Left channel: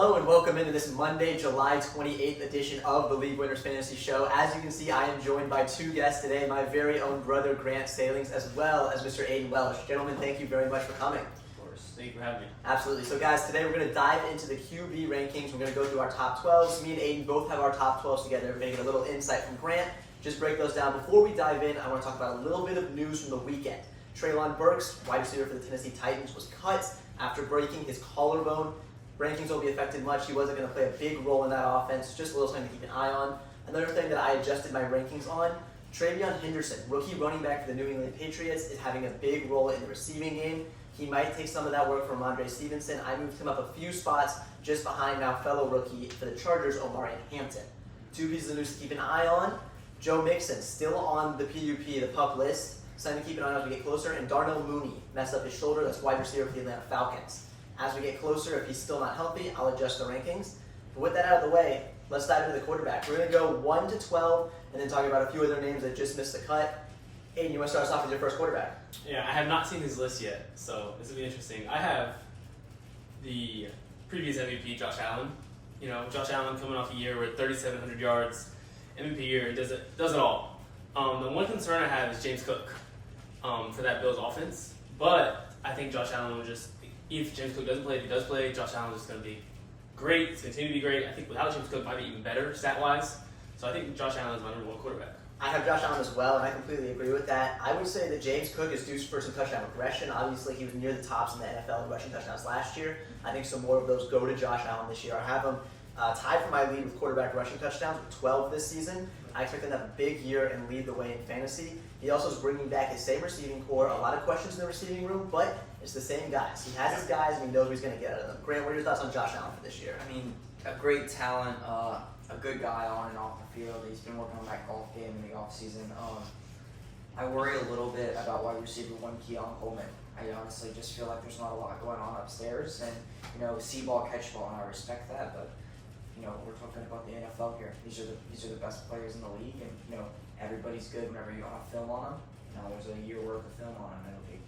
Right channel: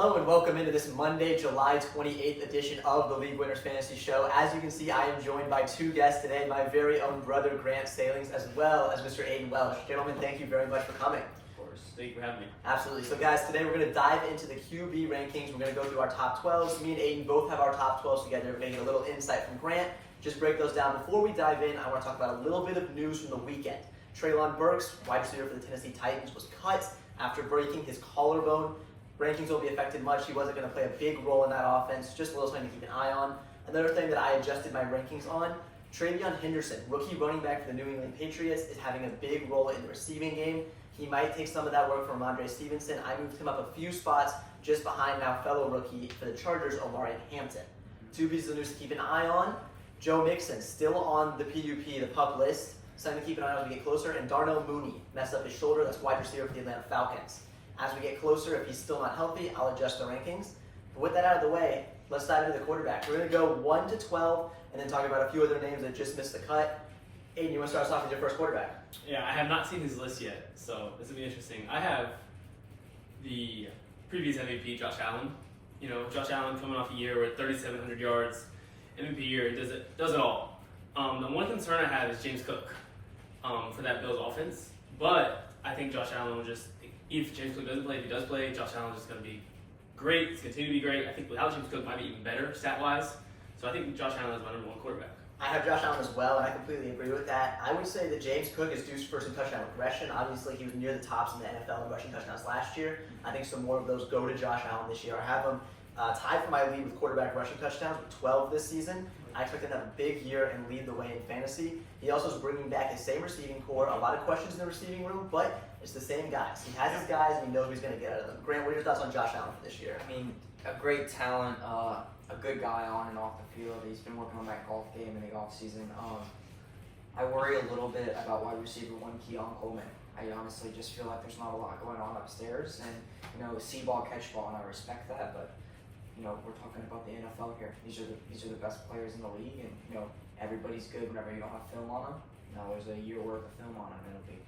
Hello and welcome into this Monday, July 28th edition of the League Winners Fantasy Show. As you can see, I am joined by two guests today, my very own brother Grant Salings, as well as Mr. Aiden Welsh. Gentlemen, thank you very much for coming. Of course. Thank you for having me. Absolutely. So guys, today we're going to dive into the QB rankings. We're going to go through our top 12s. Me and Aiden both have our top 12s together. We're going to get a little insight from Grant. Just break those down. Before we dive in, I want to talk about a little bit of news from the weekend. Treylon Burks, wide receiver for the Tennessee Titans, was cut after breaking his collarbone. Rankings won't be affected much. He wasn't going to play a big role in that offense. Just a little something to keep an eye on. Another thing that I adjusted my rankings on, Travion Henderson, rookie running back for the New England Patriots, is having a big role in the receiving game. He might take some of that work from Ramondre Stevenson. I moved him up a few spots just behind now fellow rookie for the Chargers, Omarion Hampton. Two pieces of news to keep an eye on. Joe Mixon, still on the PUP, the PUP list. Something to keep an eye on as we get closer. And Darnell Mooney messed up his shoulder. That's wide receiver for the Atlanta Falcons. As we get closer, if he's still not healthy, I'll adjust the rankings. But with that out of the way, let's dive into the quarterback. We're going to go 1 to 12 and then talk about a few other names that just missed the cut. Aiden, you want to start us off with your first quarterback? Yeah, I have not seen his list yet, so this will be interesting. I have the previous MVP, Josh Allen. You know, Josh Allen coming off a year with 3,700 yards, MVP year, he does it all. The one concern I have is James Cook for that Bills offense, but I think Josh Allen will just, if James Cook doesn't play, if he does play, Josh Allen is just going to be great. He's continue to be great. I think without James Cook, might be even better stat-wise. So I think Josh Allen is my number one quarterback. I have Josh Allen as well, and I completely agree with that. I would say that James Cook is due for some touchdown regression. Obviously, he was near the tops in the NFL in rushing touchdowns last year. I think some more of those go to Josh Allen this year. I have him tied for my lead with quarterback rushing touchdowns with 12 this season. I expect him to have a big year and lead the way in fantasy. He also is bringing back his same receiving core. A lot of questions in the receiving room, but it's the same guys. He has his guys, and he knows what he's going to get out of them. Grant, what are your thoughts on Josh Allen for this year? I mean, a great talent, a good guy on and off the field. He's been working on that golf game in the off season. I worry a little bit about wide receiver one Keon Coleman. I honestly just feel like there's not a lot going on upstairs, and see ball, catch ball, and I respect that, but we're talking about the NFL here. These are the best players in the league, and everybody's good whenever you don't have film on them. Now there's a year worth of film on them, and it'll be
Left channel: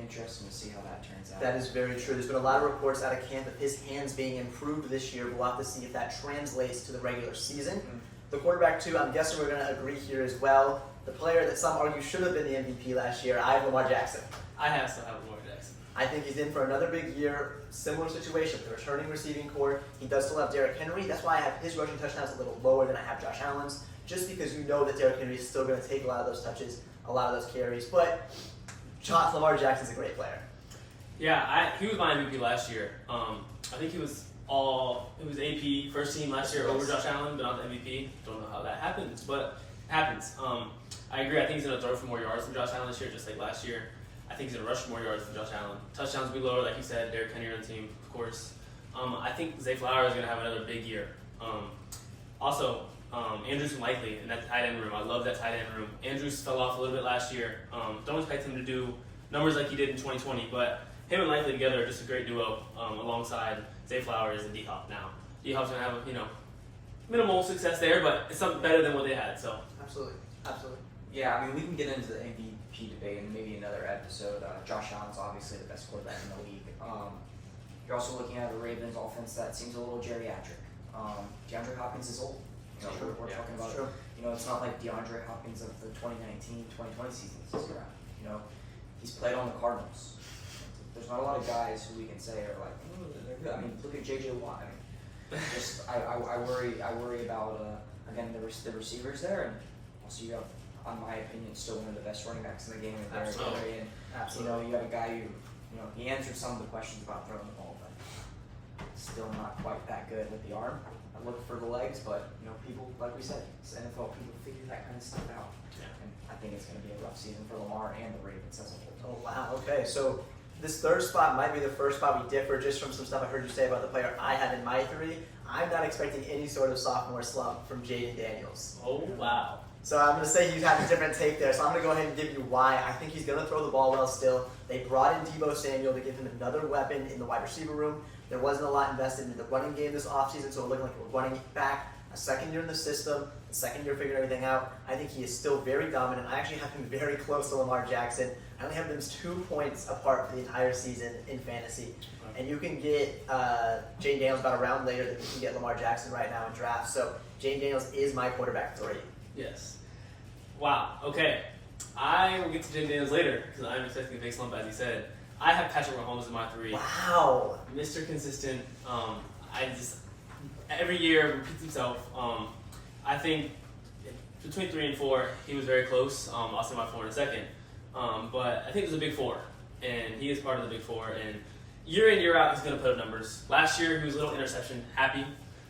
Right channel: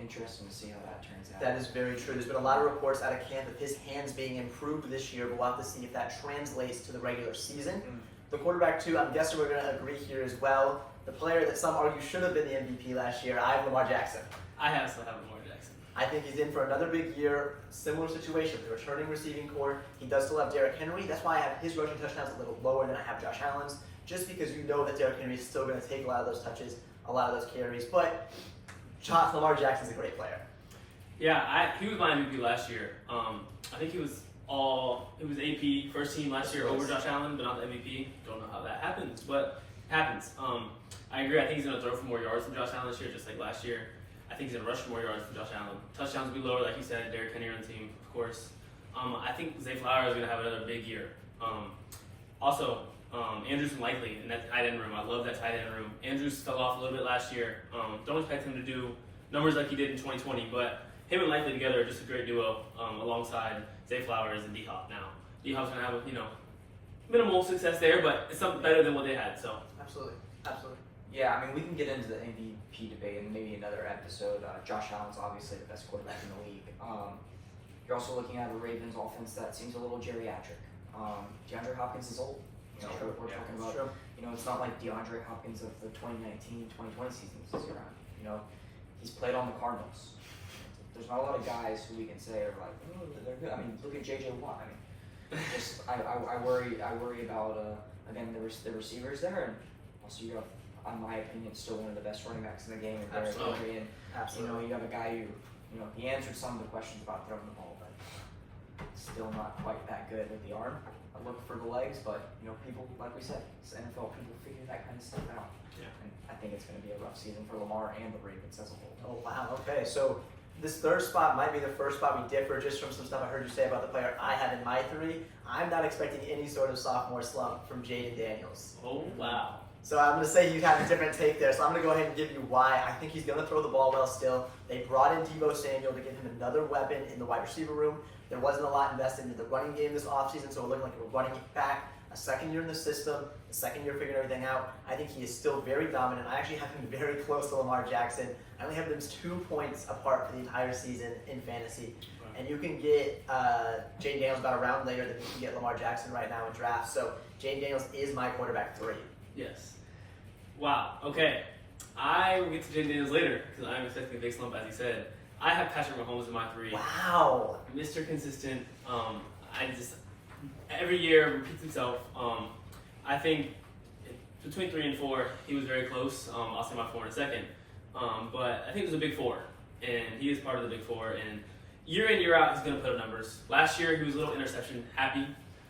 interesting to see how that turns out. That is very true. There's been a lot of reports out of camp of his hands being improved this year, but we'll have to see if that translates to the regular season. The quarterback, too, I'm guessing we're going to agree here as well. The player that some argue should have been the MVP last year, I have Lamar Jackson. I have to have Lamar Jackson. I think he's in for another big year. Similar situation, the returning receiving core. He does still have Derrick Henry. That's why I have his rushing touchdowns a little lower than I have Josh Allen's, just because you know that Derrick Henry is still going to take a lot of those touches, a lot of those carries. But Lamar Jackson's a great player. Yeah, he was my MVP last year. I think it was AP first team last year over Josh Allen, but not the MVP. Don't know how that happens, but it happens. I agree. I think he's going to throw for more yards than Josh Allen this year, just like last year. I think he's going to rush for more yards than Josh Allen. Touchdowns will be lower, like you said. Derrick Henry on the team, of course. I think Zay Flowers is going to have another big year. Also, Andrews and Likely in that tight end room. I love that tight end room. Andrews fell off a little bit last year. Don't expect him to do numbers like he did in 2020, but him and Likely together are just a great duo alongside Zay Flowers and D-Hop now. D-Hop's going to have, minimal success there, but it's something better than what they had. So Absolutely. Yeah, I mean, we can get into the MVP debate in maybe another episode. Josh Allen's obviously the best quarterback in the league. You're also looking at a Ravens offense that seems a little geriatric. DeAndre Hopkins is old. We're talking about, it's not like DeAndre Hopkins of the 2019-2020 seasons this around. He's played on the Cardinals. There's not a lot of guys who we can say are like, oh, they're good. I mean, look at J.J. Watt. I mean, I worry about again the receivers there, and also you have, in my opinion, still one of the best running backs in the game, Derrick Henry, and you have a guy who he answered some of the questions about throwing the ball, but still not quite that good with the arm. I look for the legs, but people, like we said, it's NFL, people figure that kind of stuff out. Yeah. And I think it's going to be a rough season for Lamar and the Ravens as a whole. Oh, wow. Okay, so this third spot might be the first spot we differ just from some stuff I heard you say about the player I have in my three. I'm not expecting any sort of sophomore slump from Jaden Daniels. Oh, wow. So I'm going to say he's having a different take there. So I'm going to go ahead and give you why. I think he's going to throw the ball well still. They brought in Deebo Samuel to give him another weapon in the wide receiver room. There wasn't a lot invested in the running game this offseason, so we're looking like we're running it back. A second year in the system, a second year figuring everything out. I think he is still very dominant. I actually have him very close to Lamar Jackson. I only have them 2 points apart for the entire season in fantasy. and you can get Jane Daniels about a round later than you can get Lamar Jackson right now in drafts. So Jane Daniels is my quarterback 3. Yes. Wow. Okay. I will get to Jane Daniels later because I'm expecting a big slump, as he said. I have Patrick Mahomes in my 3. Wow. Mr. Consistent. Every year repeats himself. I think between 3 and 4, he was very close. I'll say my 4 in a second. But I think it was a big 4, and he is part of the big 4. And year in, year out, he's going to put up numbers. Last year, he was a little interception happy.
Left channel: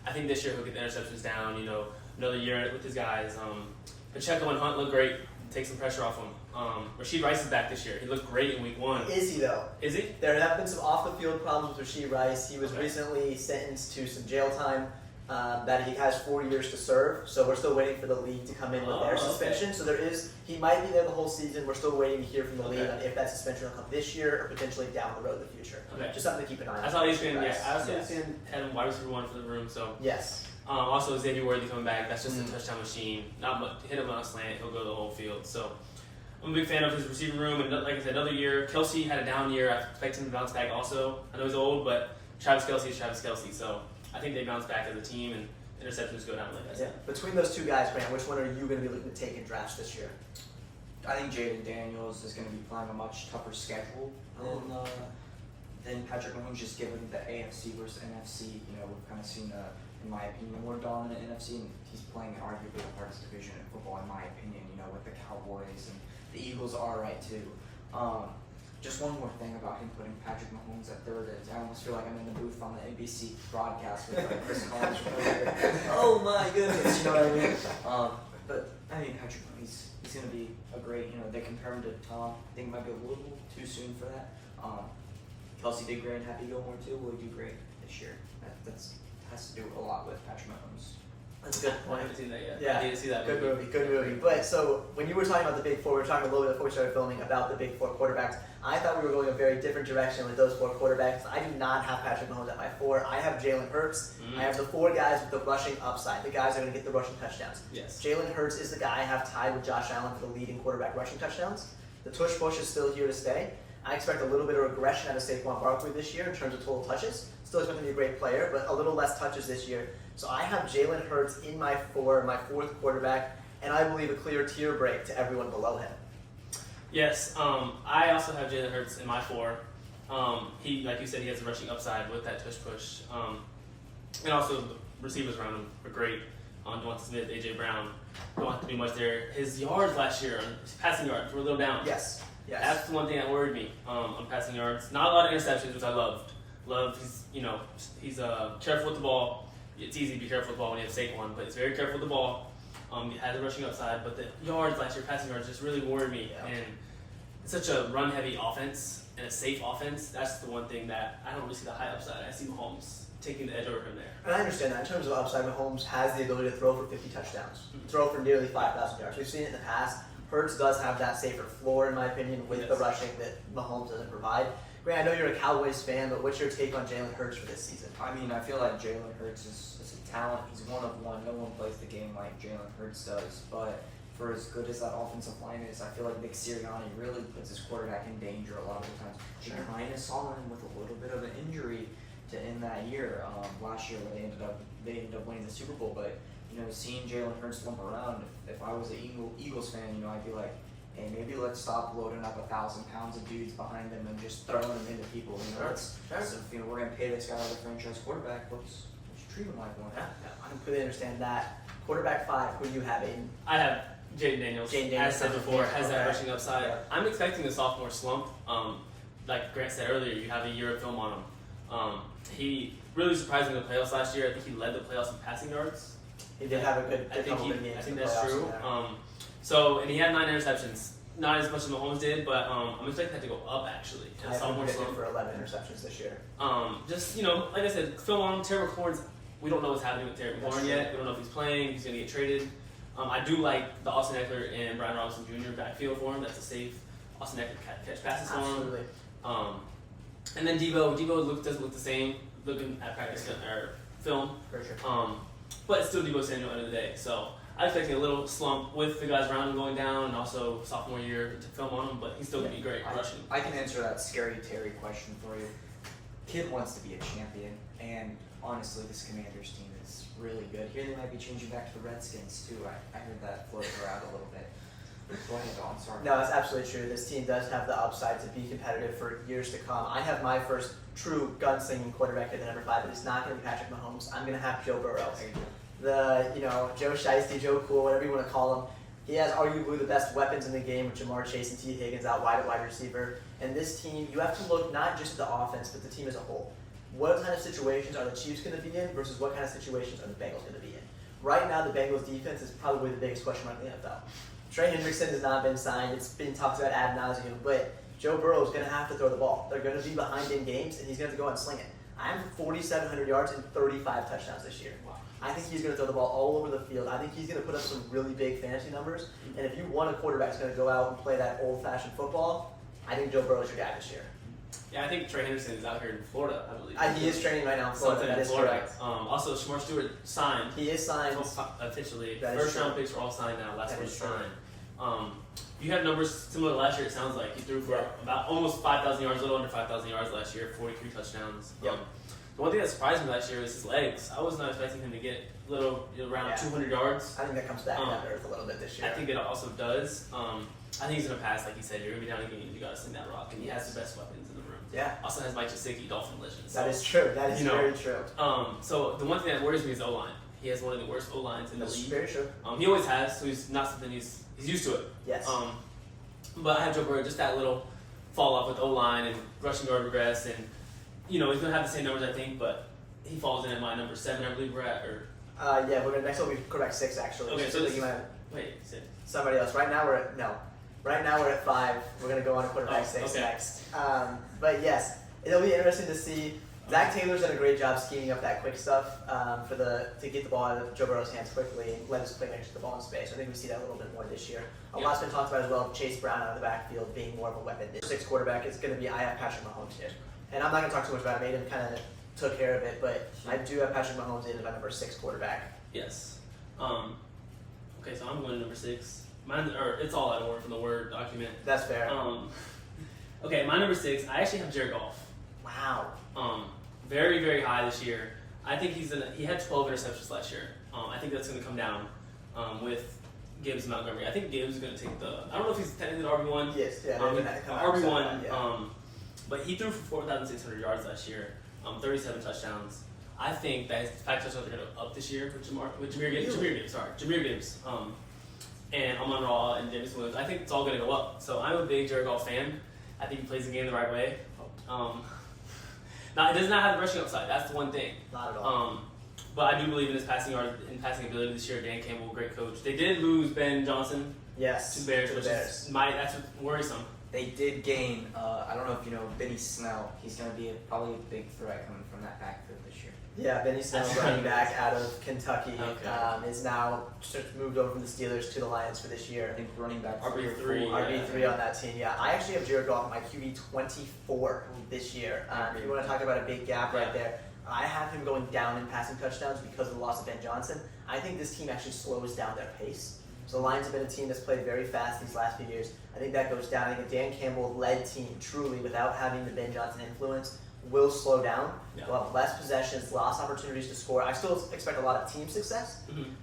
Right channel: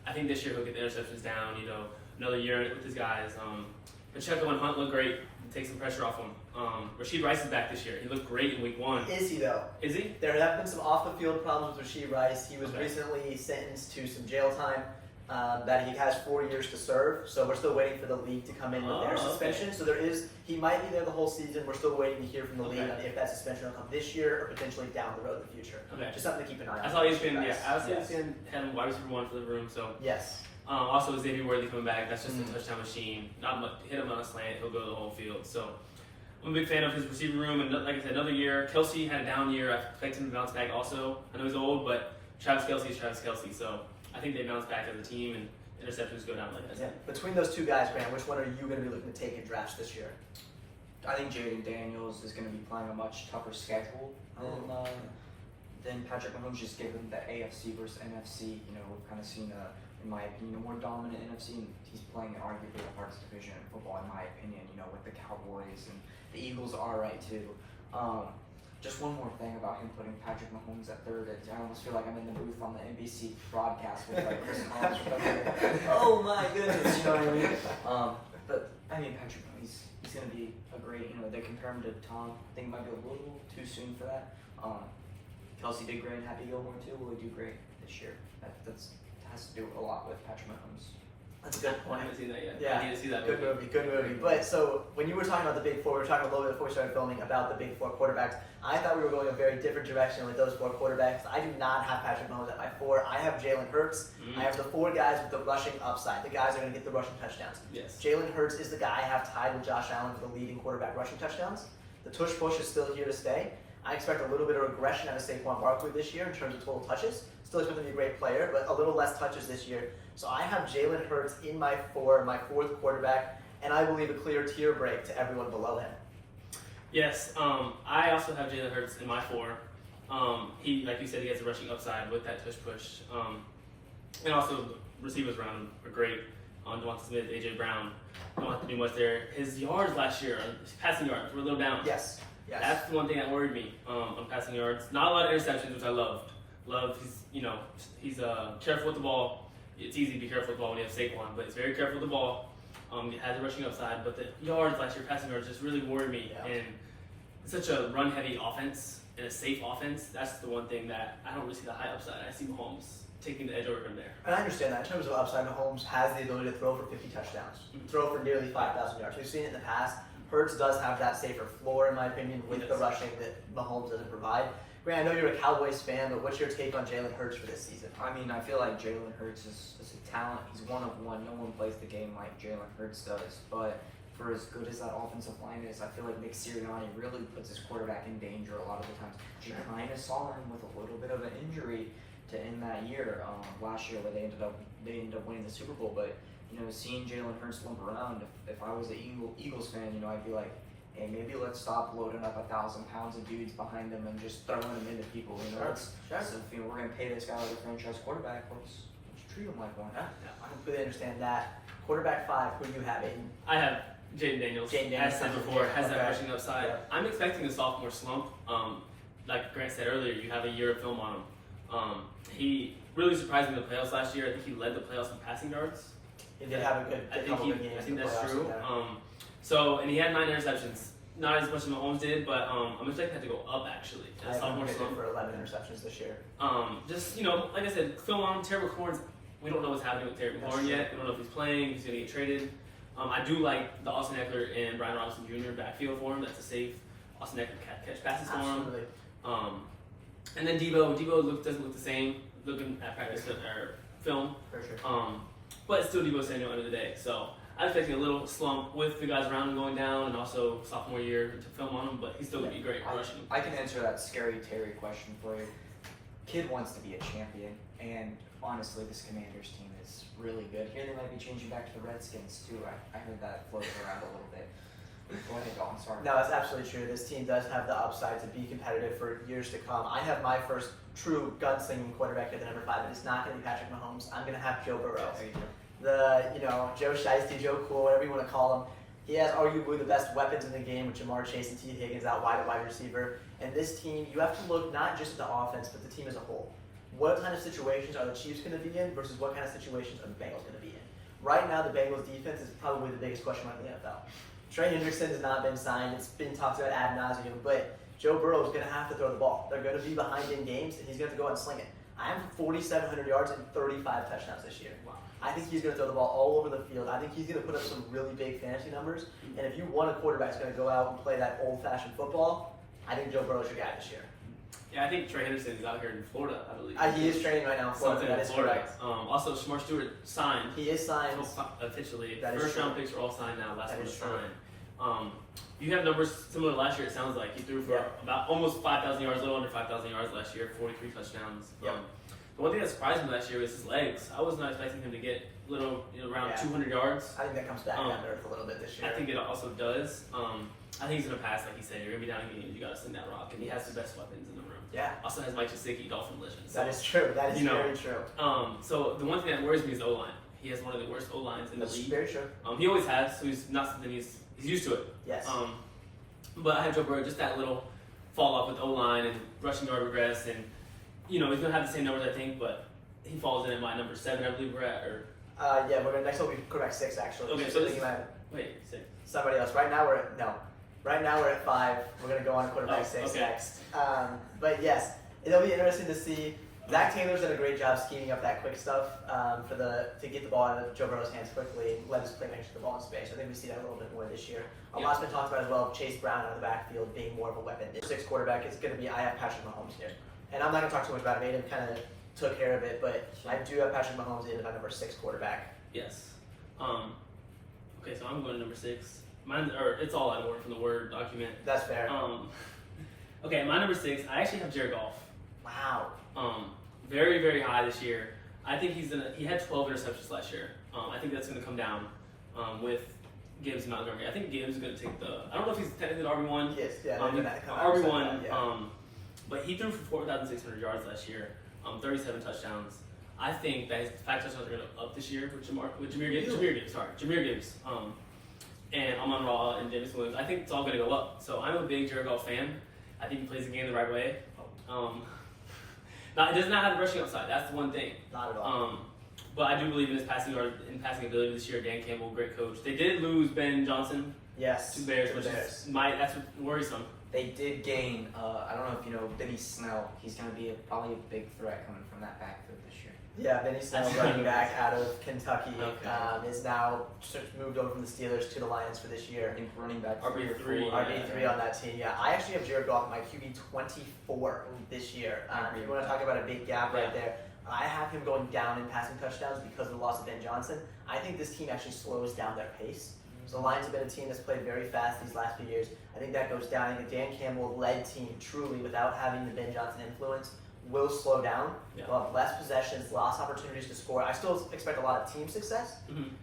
I think this year he'll get the interceptions down. Another year with his guys. Pacheco and Hunt look great. Take some pressure off him. Rasheed Rice is back this year. He looked great in week 1. Is he though? Is he? There have been some off-the-field problems with Rasheed Rice. He was recently sentenced to some jail time that he has 4 years to serve. So we're still waiting for the league to come in with their suspension. Okay. So he might be there the whole season. We're still waiting to hear from the league Okay. on if that suspension will come this year or potentially down the road in the future. Okay. Just something to keep an eye on. I thought he's been. Rice. Yeah, I was Yes. seeing him wide receiver 1 for the room. So Yes. also Xavier Worthy coming back. That's just a touchdown machine. Not much. Hit him on a slant. He'll go the whole field. So I'm a big fan of his receiving room. And like I said, another year. Kelsey had a down year. I expect him to bounce back also. I know he's old, but Travis Kelsey is Travis Kelsey. So I think they bounce back as a team and interceptions go down like I said. Yeah. Between those two guys, Grant, which one are you going to be looking to take in drafts this year? I think Jaden Daniels is going to be playing a much tougher schedule than Patrick Mahomes, just given the AFC versus NFC. We've kind of seen, in my opinion, a more dominant NFC, and he's playing arguably the hardest division in football, in my opinion, with the Cowboys, and the Eagles are right too. Just one more thing about him putting Patrick Mahomes at 3rd. I almost feel like I'm in the booth on the NBC broadcast with Chris Collins. Oh my goodness, you know what I mean? But I mean, Patrick Mahomes, he's going to be a great. They compare him to Tom. I think it might be a little too soon for that. Kelsey did great, and Happy Gilmore too. Will he do great this year? That has to do a lot with Patrick Mahomes. That's a good I point. haven't seen that yet. Yeah, I need to see that. Good movie. But so when you were talking about the big 4, we were talking a little bit before we started filming about the big 4 quarterbacks. I thought we were going a very different direction with those 4 quarterbacks. I do not have Patrick Mahomes at my 4. I have Jalen Hurts. I have the 4 guys with the rushing upside. The guys are going to get the rushing touchdowns. Yes. Jalen Hurts is the guy I have tied with Josh Allen for the leading quarterback rushing touchdowns. The tush push is still here to stay. I expect a little bit of regression out of Saquon Barkley this year in terms of total touches. Still expect him to be a great player, but a little less touches this year. So I have Jalen Hurts in my 4, my 4th quarterback, and I believe a clear tier break to everyone below him. Yes. I also have Jalen Hurts in my 4. He, like you said, he has a rushing upside with that tush push. And also the receivers around him are great. Devonta Smith, AJ Brown. Don't have to do much there. His yards last year, his passing yards, were a little down. Yes. That's the one thing that worried me on passing yards. Not a lot of interceptions, which I loved. He's careful with the ball. It's easy to be careful with the ball when you have Saquon, but he's very careful with the ball. He has a rushing upside, but the yards last year, passing yards, just really worried me. Yeah. And it's such a run-heavy offense and a safe offense. That's the one thing that I don't really see the high upside. I see Mahomes taking the edge over him there. And I understand that. In terms of upside, Mahomes has the ability to throw for 50 touchdowns, throw for nearly 5,000 yards. We've seen it in the past. Hurts does have that safer floor, in my opinion, with the rushing that Mahomes doesn't provide. Grant, I know you're a Cowboys fan, but what's your take on Jalen Hurts for this season? I mean, I feel like Jalen Hurts is a talent. He's one of one. No one plays the game like Jalen Hurts does. But for as good as that offensive line is, I feel like Nick Sirianni really puts his quarterback in danger a lot of the times. Sure. We kind of saw him with a little bit of an injury to end that year last year, where they ended up winning the Super Bowl. But seeing Jalen Hurts limp around, if I was an Eagles fan, I'd be like, hey, maybe let's stop loading up 1,000 pounds of dudes behind him and just throwing them into people. So if we're going to pay this guy like a franchise quarterback, let's treat him like one. Yeah, I completely understand that. Quarterback 5, who do you have, Aiden? I have Jaden Daniels. As said before, has that rushing upside. Yeah. I'm expecting a sophomore slump. Like Grant said earlier, you have a year of film on him. He really surprised me in the playoffs last year. I think he led the playoffs in passing yards. He did have a good couple of games. I think in the that's playoffs, true. yeah. And he had 9 interceptions. Not as much as Mahomes did, but I'm expecting that to go up actually. I have him predicted for 11 interceptions this year. Like I said, film on him. Terry McLaurin's, we don't know what's happening with Terry McLaurin yet. We don't know if he's playing. He's going to get traded. I do like the Austin Eckler and Brian Robinson Jr. backfield for him. That's a safe. Austin Eckler catch passes for him. Absolutely. And then Deebo doesn't look the same looking at practice or film. For sure. But it's still Deebo Samuel at the end of the day. So I'm expecting a little slump with the guys around him going down, and also sophomore year to film on him. But he's still going to be great rushing. I can answer that scary Terry question for you. Kid wants to be a champion, and honestly, this Commanders team is really good. Here they might be changing back to the Redskins too. I heard that floating around a little bit. Go ahead, Don. Sorry. No, it's absolutely true. This team does have the upside to be competitive for years to come. I have my first true gunslinging quarterback at the number 5, but it's not going to be Patrick Mahomes. I'm going to have Joe Burrow. There you go. Joe Shiesty, Joe Cool, whatever you want to call him. He has arguably the best weapons in the game with Jamar Chase and T. Higgins out wide at wide receiver. And this team, you have to look not just at the offense, but the team as a whole. What kind of situations are the Chiefs going to be in versus what kind of situations are the Bengals going to be in? Right now, the Bengals defense is probably the biggest question mark in the NFL. Trey Hendrickson has not been signed. It's been talked about ad nauseum, but Joe Burrow is going to have to throw the ball. They're going to be behind in games, and he's going to have to go out and sling it. I'm 4,700 yards and 35 touchdowns this year. I think he's going to throw the ball all over the field. I think he's going to put up some really big fantasy numbers. And if you want a quarterback that's going to go out and play that old-fashioned football, I think Joe Burrow's your guy this year. Yeah, I think Trey Henderson is out here in Florida, I believe. He is training right now in Florida. That is correct. Also, Shamar Stewart signed. He is signed. Officially. That is First round true. picks are all signed now. Last That one is was true. signed. You have numbers similar to last year, it sounds like. He threw for about almost 5,000 yards, a little under 5,000 yards last year, 43 touchdowns. Yep. The one thing that surprised me last year was his legs. I was not expecting him to get around 200 yards. I think that comes back down to earth a little bit this year. I think it also does. I think he's going to pass, like you said. You're going to be down in games. You got to sling that rock. And he has the best weapons in the room. Yeah. Also has Mike Gesicki, Dolphin Legend. That is true. That is very true. So the one thing that worries me is the O-line. He has one of the worst O-lines in the That's league. very true. He always has, so he's not something he's used to it. Yes. But I have Joe Burrow, just that little fall off with O-line and rushing yard regress, and he's gonna have the same numbers I think, but he falls in at my number 7, I believe we're at, or Next one will be quarterback 6 actually. Okay, so so you might have wait, 6. somebody else. Right now we're at 5. We're gonna go on to quarterback 6 okay. next. But yes, it'll be interesting to see. Zach Taylor's done a great job scheming up that quick stuff to get the ball out of Joe Burrow's hands quickly and let his playmakers get the ball in space. I think we see that a little bit more this year. A lot's been talked about as well of Chase Brown out of the backfield being more of a weapon. This 6 quarterback is going to be I have Patrick Mahomes here, and I'm not going to talk too much about it. Aiden kind of took care of it, but I do have Patrick Mahomes in as my number 6 quarterback. Yes. Okay, so I'm going to number 6. It's all out of order from the Word document. That's fair. Okay, my number 6. I actually have Jared Goff. Wow. Very, very high this year. I think he had 12 interceptions last year. I think that's going to come down with Gibbs and Montgomery. I think Gibbs is going to take I don't know if he's technically the RB1. Yes, yeah. RB1, yeah. but he threw for 4,600 yards last year, 37 touchdowns. I think that his 5 touchdowns are going to up this year with Jahmyr Gibbs. And Amon Ra and Jameson Williams. I think it's all going to go up. So I'm a big Jared Goff fan. I think he plays the game the right way. Now, it does not have the rushing upside. That's the one thing. Not at all. But I do believe in his passing ability this year. Dan Campbell, great coach. They did lose Ben Johnson Yes. to Bears, to the which Bears. is that's worrisome. They did gain, I don't know if you know, Benny Snell. He's going to be probably a big threat coming from that backfield this year. Yeah, Benny Snell, That's running right. back out of Kentucky, Okay. is now moved over from the Steelers to the Lions for this year. I think running back RB3, 3 or 4. RB3 on that team, yeah. I actually have Jared Goff, my QB 24 this year. If you want to talk about a big gap right there, I have him going down in passing touchdowns because of the loss of Ben Johnson. I think this team actually slows down their pace. So the Lions have been a team that's played very fast these last few years. I think that goes down. I think a Dan Campbell-led team, truly, without having the Ben Johnson influence, will slow down. Yeah. They'll have less possessions, less opportunities to score. I still expect a lot of team success,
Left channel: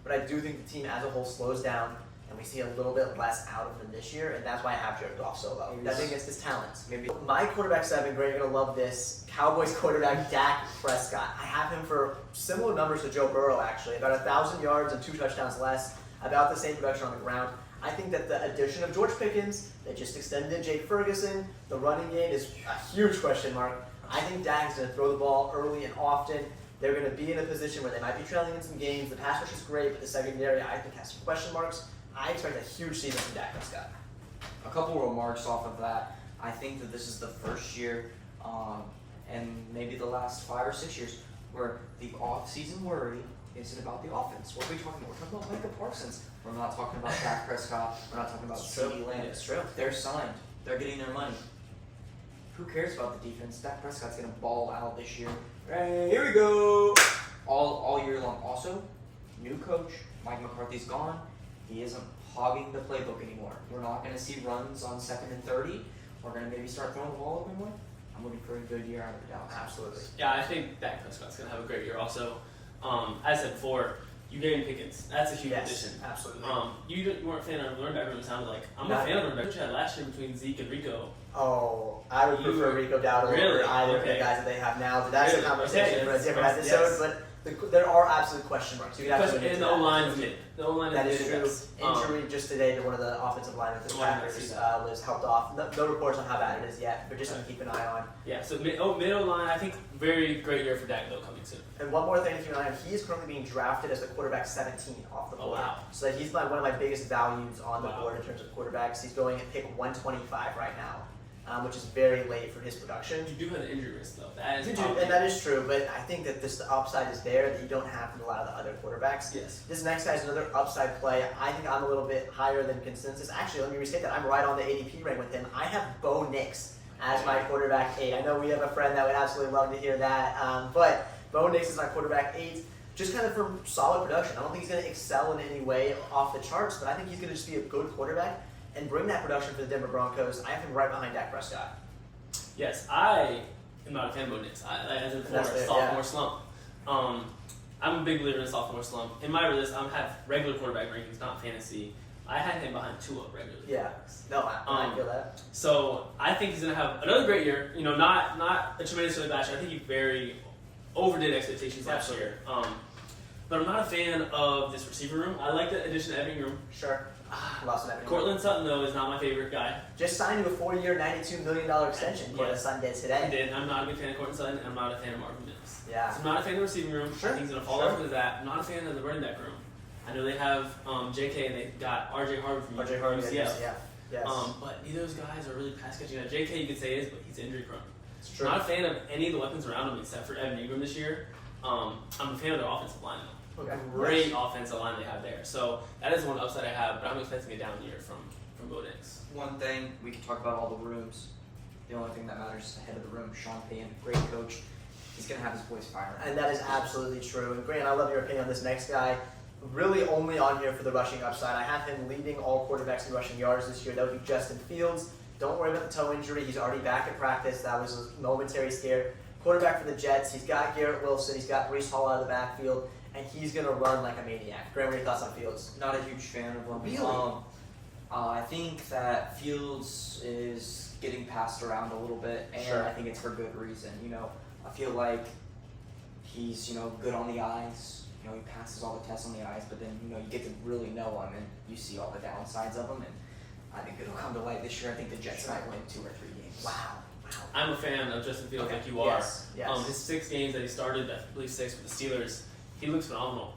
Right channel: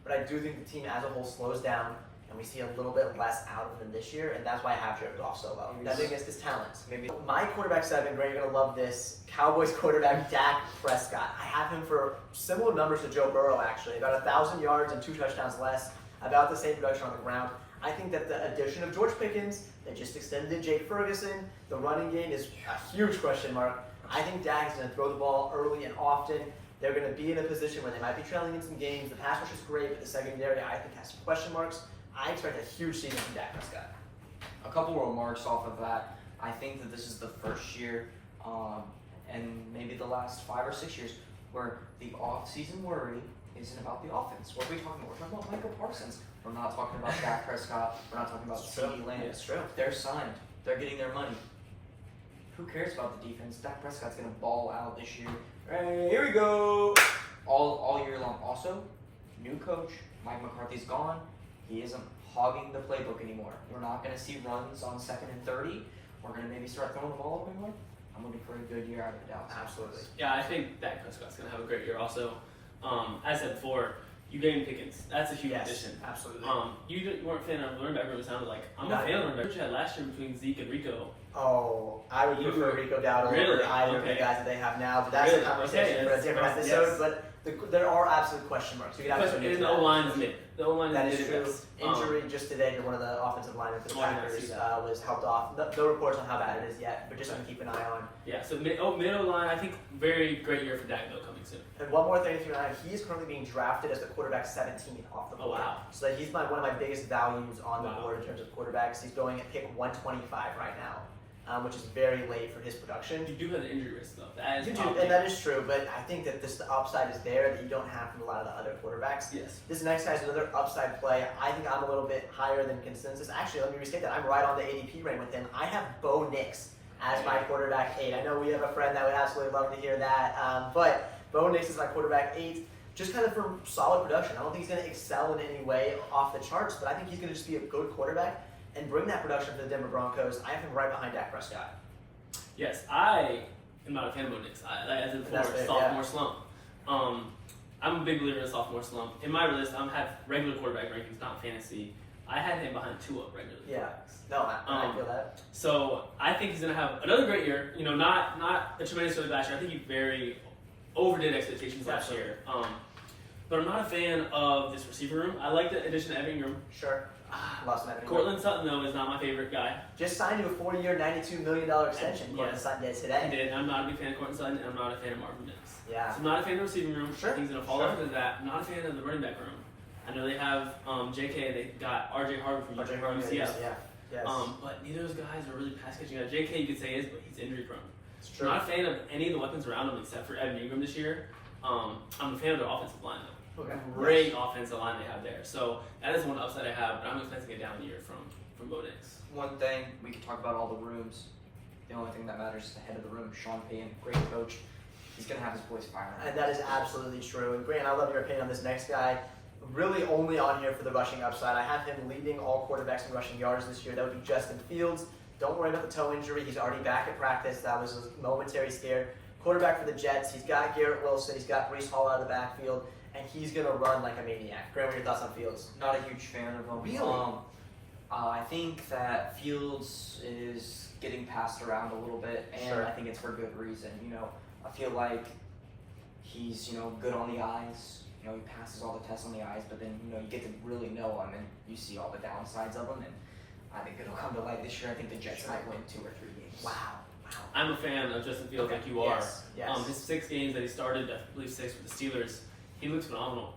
but I do think the team as a whole slows down, and we see a little bit less out of them this year, and that's why I have Jared Goff so low. Nothing against his talents. Maybe. My quarterback 7, Greg, you're going to love this. Cowboys quarterback Dak Prescott. I have him for similar numbers to Joe Burrow, actually. About 1,000 yards and 2 touchdowns less. About the same production on the ground. I think that the addition of George Pickens, they just extended Jake Ferguson, the running game is a huge question mark. I think Dak is going to throw the ball early and often. They're going to be in a position where they might be trailing in some games. The pass rush is great, but the secondary, I think, has some question marks. I expect a huge season from Dak Prescott. A couple remarks off of that. I think that this is the first year, and maybe the last 5 or 6 years, where the off-season worry isn't about the offense. What are we talking about? We're talking about Micah Parsons. We're not talking about Dak Prescott. We're not talking about CeeDee Lamb. It's true. They're signed. They're getting their money. Who cares about the defense? Dak Prescott's going to ball out this year. Hey, here we go. All year long. Also, new coach. Mike McCarthy's gone. He isn't hogging the playbook anymore. We're not going to see runs on 2nd and 30. We're going to maybe start throwing the ball up more. I'm looking for a good year out of the Dallas. Absolutely. Yeah, I think Dak Prescott's going to have a great year also. As I said before, you gain Pickens. That's a huge addition. Absolutely. You weren't a fan of running back room, it sounded like. I'm No. a fan of running back. What you had last year between Zeke and Rico. Oh, I would You- prefer Rico Dowdle Really? over either of the Okay. guys that they have now, but that's Really? a conversation Okay, for a different yes. episode. But there are absolute question marks. You can Because absolutely in get the to that. O-line is mid. The O-line That is is mid. true. Injury just today to one of the offensive linemen for the Oh, I didn't Packers see that. was helped off. No reports on how bad it is yet, but just something to keep an eye on. Yeah, so mid O-line, I think very great year for Dak though coming soon. And one more thing to keep an eye on, he is currently being drafted as the quarterback 17 off the Oh, board. wow. So that he's one of my biggest values on the Wow. board in terms of quarterbacks. He's going at pick 125 right now, which is very late for his production. You do have an injury risk though. That is You do, probably- and that is true, but I think that the upside is there that you don't have from a lot of the other quarterbacks. Yes. This next guy is another upside play. I think I'm a little bit higher than consensus. Actually, let me restate that. I'm right on the ADP rank with him. I have Bo Nix as my quarterback 8. I know we have a friend that would absolutely love to hear that, but Bo Nix is my quarterback 8. Just kind of for solid production. I don't think he's going to excel in any way off the charts, but I think he's going to just be a good quarterback and bring that production for the Denver Broncos. I have him right behind Dak Prescott. Yes, I am not a fan of Bo Nix. As a That's fair, sophomore slump. I'm a big believer in a sophomore slump. In my list, I have regular quarterback rankings, not fantasy. I had him behind Tua regularly. Yeah. No, I feel that. So I think he's going to have another great year. You know, not a tremendously last year. I think he very overdid expectations last Absolutely. year. But I'm not a fan of this receiver room. I like the addition of Evan Ingram. Sure. Lost an Evan. Cortland Sutton, though, is not my favorite guy. Just signed to a 4-year, $92 million extension. Yes. Cortland Sutton did I today. did. I'm not a big fan of Cortland Sutton, and I'm not a fan of Marvin Mims. Yeah. So I'm not a fan of the receiving room. Sure. I think he's going to fall Sure. off into that. I'm not a fan of the running back room. I know they have JK and they got RJ Harvard from RJ Harvey, UCF. yeah. Yes. But neither of those guys are really pass catching. JK you could say is, but he's injury prone. It's I'm true. not a fan of any of the weapons around him except for Evan Ingram this year. I'm a fan of their offensive line though. Okay. Great offensive line they have there. So that is one upside I have, but I'm expecting a down year from Bo Nix. One thing, we can talk about all the rooms. The only thing that matters is the head of the room, Sean Payton, great coach. He's going to have his boys firing. And that is absolutely true. And Grant, I love your opinion on this next guy. Really only on here for the rushing upside. I have him leading all quarterbacks in rushing yards this year. That would be Justin Fields. Don't worry about the toe injury. He's already back at practice. That was a momentary scare. Quarterback for the Jets. He's got Garrett Wilson. He's got Breece Hall out of the backfield. And he's going to run like a maniac. Grant, what are your thoughts on Fields? Not a huge fan of him. Really? I think that Fields is getting passed around a little bit, and Sure. I think it's for good reason. You know, I feel like he's, good on the eyes. He passes all the tests on the eyes, but then, you get to really know him, and you see all the downsides of him, and I think it'll come to light this year. I think the Jets might win 2 or 3 games. Wow. I'm a fan of Justin Fields Okay. like you are. Yes. His 6 games that he started, I believe 6 with the Steelers, he looks phenomenal.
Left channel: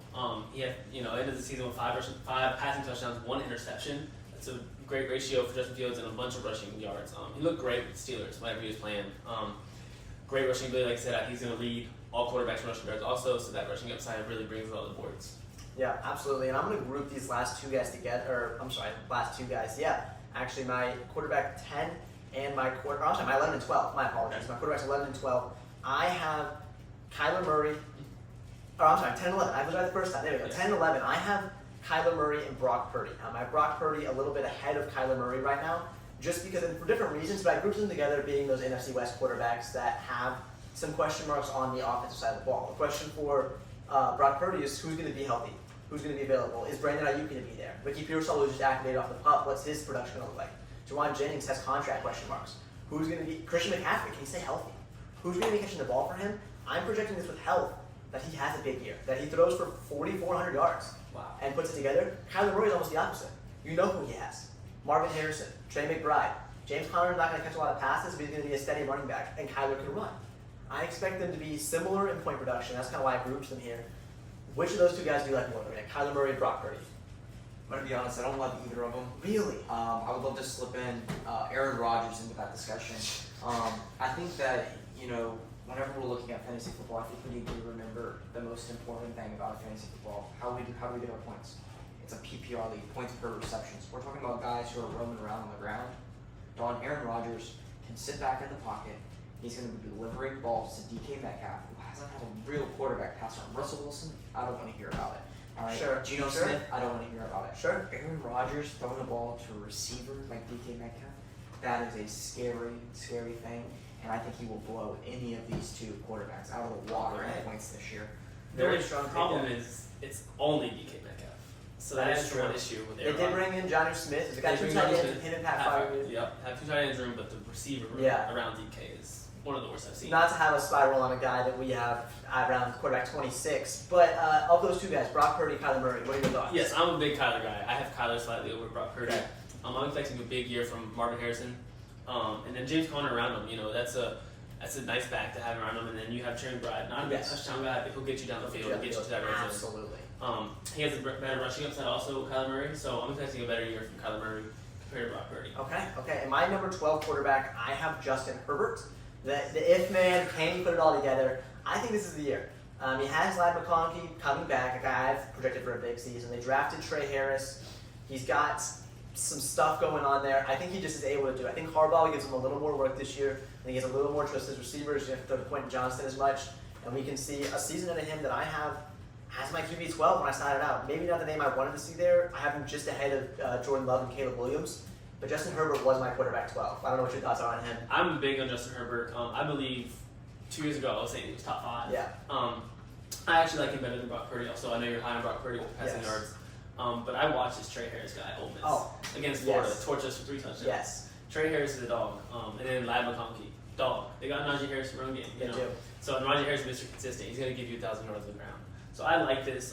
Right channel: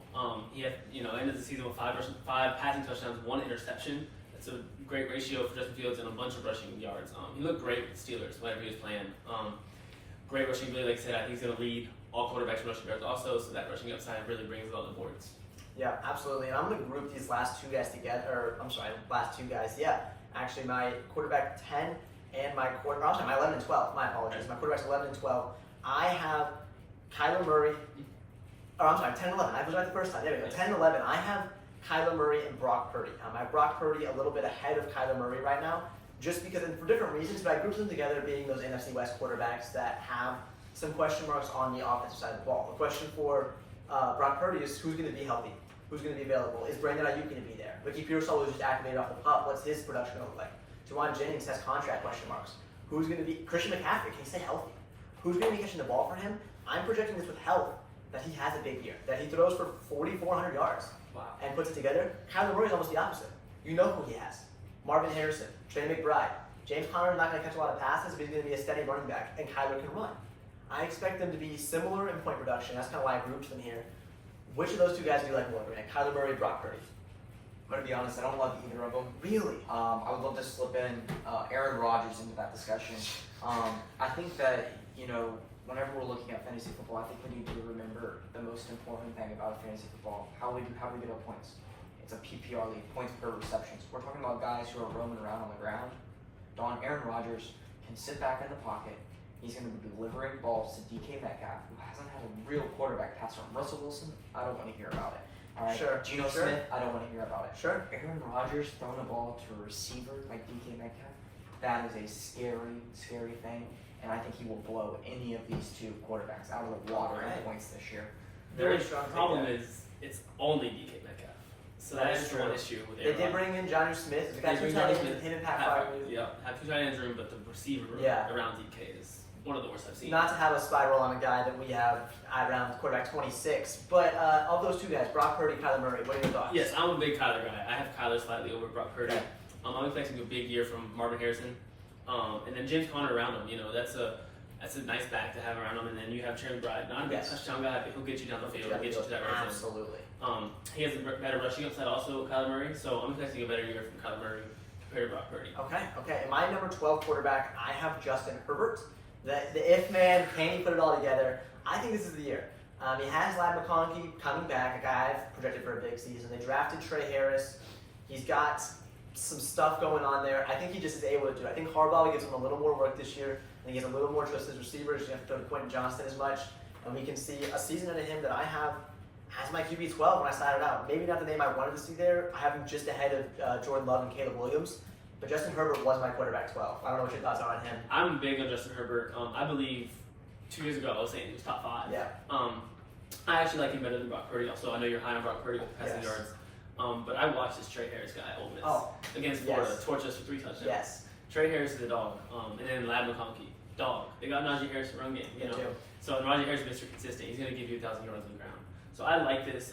He had, ended the season with 5 passing touchdowns, 1 interception. That's a great ratio for Justin Fields and a bunch of rushing yards. He looked great with the Steelers whenever he was playing. Great rushing ability, like I said. I think he's going to lead all quarterbacks in rushing yards also, so that rushing upside really brings a lot of the boards. Yeah, absolutely. And I'm going to group these last 2 guys together. Or, I'm sorry, last 2 guys. Yeah. Actually, my quarterback 10 and my my 11 and 12. My apologies. My quarterbacks 11 and 12. I have Kyler Murray. Or I'm sorry, 10 and 11. I was right the first time. There we go. 10 and 11. I have Kyler Murray and Brock Purdy. I have Brock Purdy a little bit ahead of Kyler Murray right now, just because, and for different reasons, but I grouped them together being those NFC West quarterbacks that have some question marks on the offensive side of the ball. The question for Brock Purdy is who's going to be healthy? Who's going to be available? Is Brandon Ayuk going to be there? Ricky Pearsall was just activated off the pup. What's his production going to look like? Juwan Jennings has contract question marks. Who's going to be Christian McCaffrey? Can he stay healthy? Who's going to be catching the ball for him? I'm projecting this with health that he has a big year, that he throws for 4,400 yards and puts it together. Kyler Murray is almost the opposite. You know who he has. Marvin Harrison, Trey McBride. James Conner is not going to catch a lot of passes, but he's going to be a steady running back, and Kyler can run. I expect them to be similar in point production. That's kind of why I grouped them here. Which of those 2 guys do you like more, Grant? Kyler Murray and Brock Purdy? I'm going to be honest, I don't love either of them. Really? I would love to slip in Aaron Rodgers into that discussion. I think that, whenever we're looking at fantasy football, I think we need to remember the most important thing about fantasy football. How do we get our points? It's a PPR league, points per receptions. We're talking about guys who are roaming around on the ground. Aaron Rodgers can sit back in the pocket. He's going to be delivering balls to DK Metcalf, who hasn't had a real quarterback pass from Russell Wilson. I don't want to hear about it. All right. Sure. Geno Sure. Smith, I don't want to hear about it. Sure. Aaron Rodgers throwing a ball to a receiver like DK Metcalf, that is a scary, scary thing. and I think he will blow any of these two quarterbacks out of the water in Okay. points this year. Very The strong. problem is it's only DK Metcalf. So That that's is the one true. issue with They Aaron did Rodgers. bring in Jonnu Smith. They got They two bring tight Jonnu ends, Smith, him and Pat have two tight ends room, but the receiver room Yeah. around DK is one of the worst I've seen. Not to have a spiral on a guy that we have around quarterback 26, but of those two guys, Brock Purdy, Kyler Murray, what are your thoughts? Yes, I'm a big Kyler guy. I have Kyler slightly over Brock Purdy. Okay. I'm expecting a big year from Marvin Harrison, and then James Conner around him. You know, that's a nice back to have around him. And then you have Trey McBride, not a big Yes. touchdown guy, but he'll get you down the field, get you to that red zone. Absolutely. He has a better rushing upside also, Kyler Murray. So I'm expecting a better year from Kyler Murray compared to Brock Purdy. Okay. And my number 12 quarterback, I have Justin Herbert. The if man, can he put it all together? I think this is the year. He has Ladd McConkey coming back, a guy I've projected for a big season. They drafted Trey Harris. He's got some stuff going on there. I think he just is able to do it. I think Harbaugh gives him a little more work this year. I think he has a little more trust his receivers. You have to throw to Quentin Johnston as much. And we can see a season into him that I have as my QB 12 when I started out. Maybe not the name I wanted to see there. I have him just ahead of Jordan Love and Caleb Williams. But Justin Herbert was my quarterback 12. I don't know what your thoughts are on him. I'm big on Justin Herbert. I believe 2 years ago I was saying he was top 5. Yeah. I actually like him better than Brock Purdy. Also, I know you're high on Brock Purdy with passing Yes. yards. But I watched this Trey Harris guy at Ole Miss against yes. Florida, torch us for 3 touchdowns. Yes. Trey Harris is a dog, and then Ladd McConkey, dog. They got Najee Harris in the run game. They do. So Najee Harris is Mr. Consistent. He's going to give you 1,000 yards on the ground. So I like this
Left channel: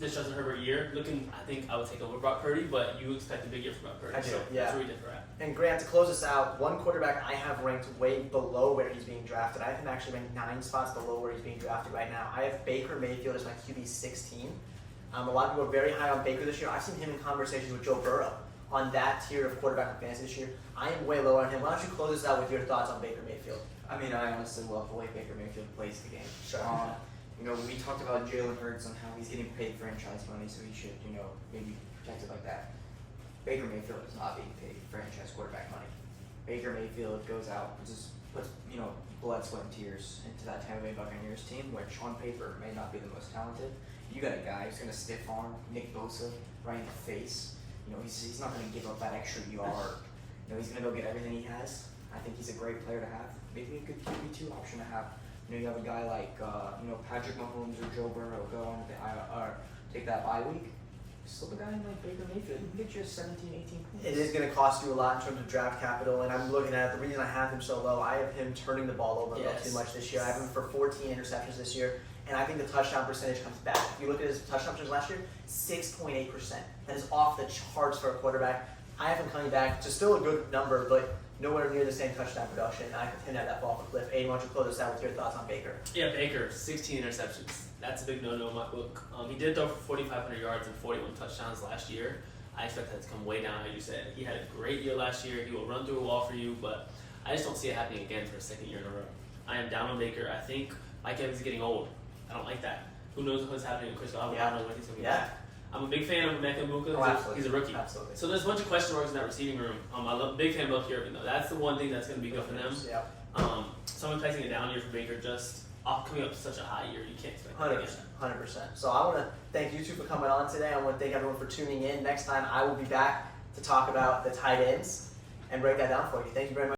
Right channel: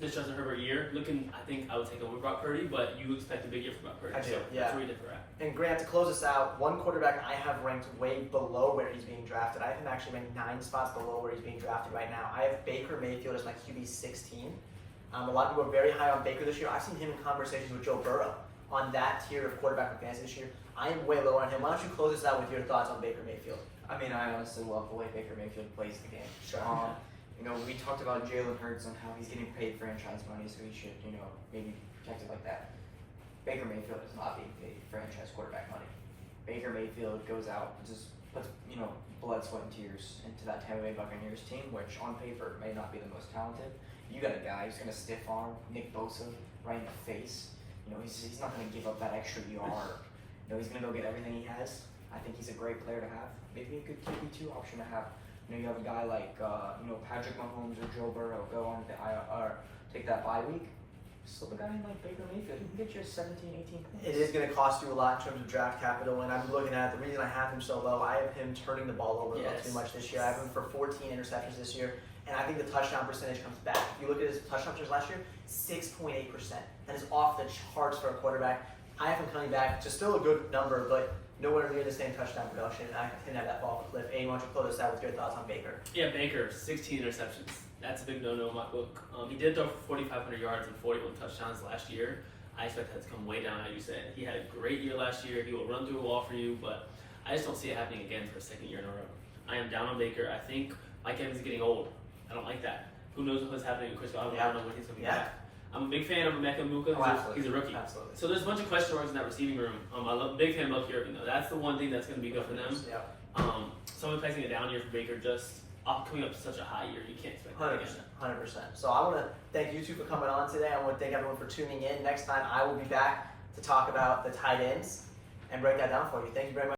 Justin Herbert year. I think I would take over Brock Purdy, but you expect a big year from Brock Purdy. I do, So yeah. that's where we differ at. And Grant, to close this out, one quarterback I have ranked way below where he's being drafted. I have him actually ranked 9 spots below where he's being drafted right now. I have Baker Mayfield as my QB 16. A lot of people are very high on Baker this year. I've seen him in conversations with Joe Burrow on that tier of quarterback for fantasy this year. I am way lower on him. Why don't you close this out with your thoughts on Baker Mayfield? I mean, I honestly love the way Baker Mayfield plays the game. Sure. We talked about Jalen Hurts and how he's getting paid franchise money, so he should, maybe protect it like that. Baker Mayfield is not being paid franchise quarterback money. Baker Mayfield goes out and just puts, blood, sweat, and tears into that Tampa Bay Buccaneers team, which on paper may not be the most talented. You got a guy who's going to stiff arm Nick Bosa right in the face. He's not going to give up that extra yard. He's going to go get everything he has. I think he's a great player to have. Maybe a good QB2 option to have. You have a guy like Patrick Mahomes or Joe Burrow go on take that bye week. Slip a guy in like Baker Mayfield, you can get you 17, 18 points. It is going to cost you a lot in terms of draft capital, and I'm looking at the reason I have him so low. I have him turning the ball over a little too much this year. I have him for 14 interceptions this year, and I think the touchdown percentage comes back. If you look at his touchdown percentage last year, 6.8%. That is off the charts for a quarterback. I have him coming back to still a good number, but nowhere near the same touchdown production. I tend to have that fall off a cliff. Aiden, why don't you close us out with your thoughts on Baker? Yeah, Baker, 16 interceptions. That's a big no-no in my book. He did throw for 4,500 yards and 41 touchdowns last year. I expect that to come way down, like you said. He had a great year last year. He will run through a wall for you, but I just don't see it happening again for the second year in a row. I am down on Baker. I think Mike Evans is getting old. I don't like that. Who knows what's happening with Chris Godwin? I don't know when he's going to be back. I'm a big fan of Emeka Egbuka. He's a rookie. Absolutely. So there's a bunch of question marks in that receiving room. Big fan of Love Irving, though. That's the one thing that's going to be good for them. Yeah. So I'm placing a down year for Baker, just coming up to such a high year. You can't expect 100%. So I want to thank you two for coming on today. I want to thank everyone for tuning in. Next time I will be back to talk about the tight ends and break that down for you. Thank you very much.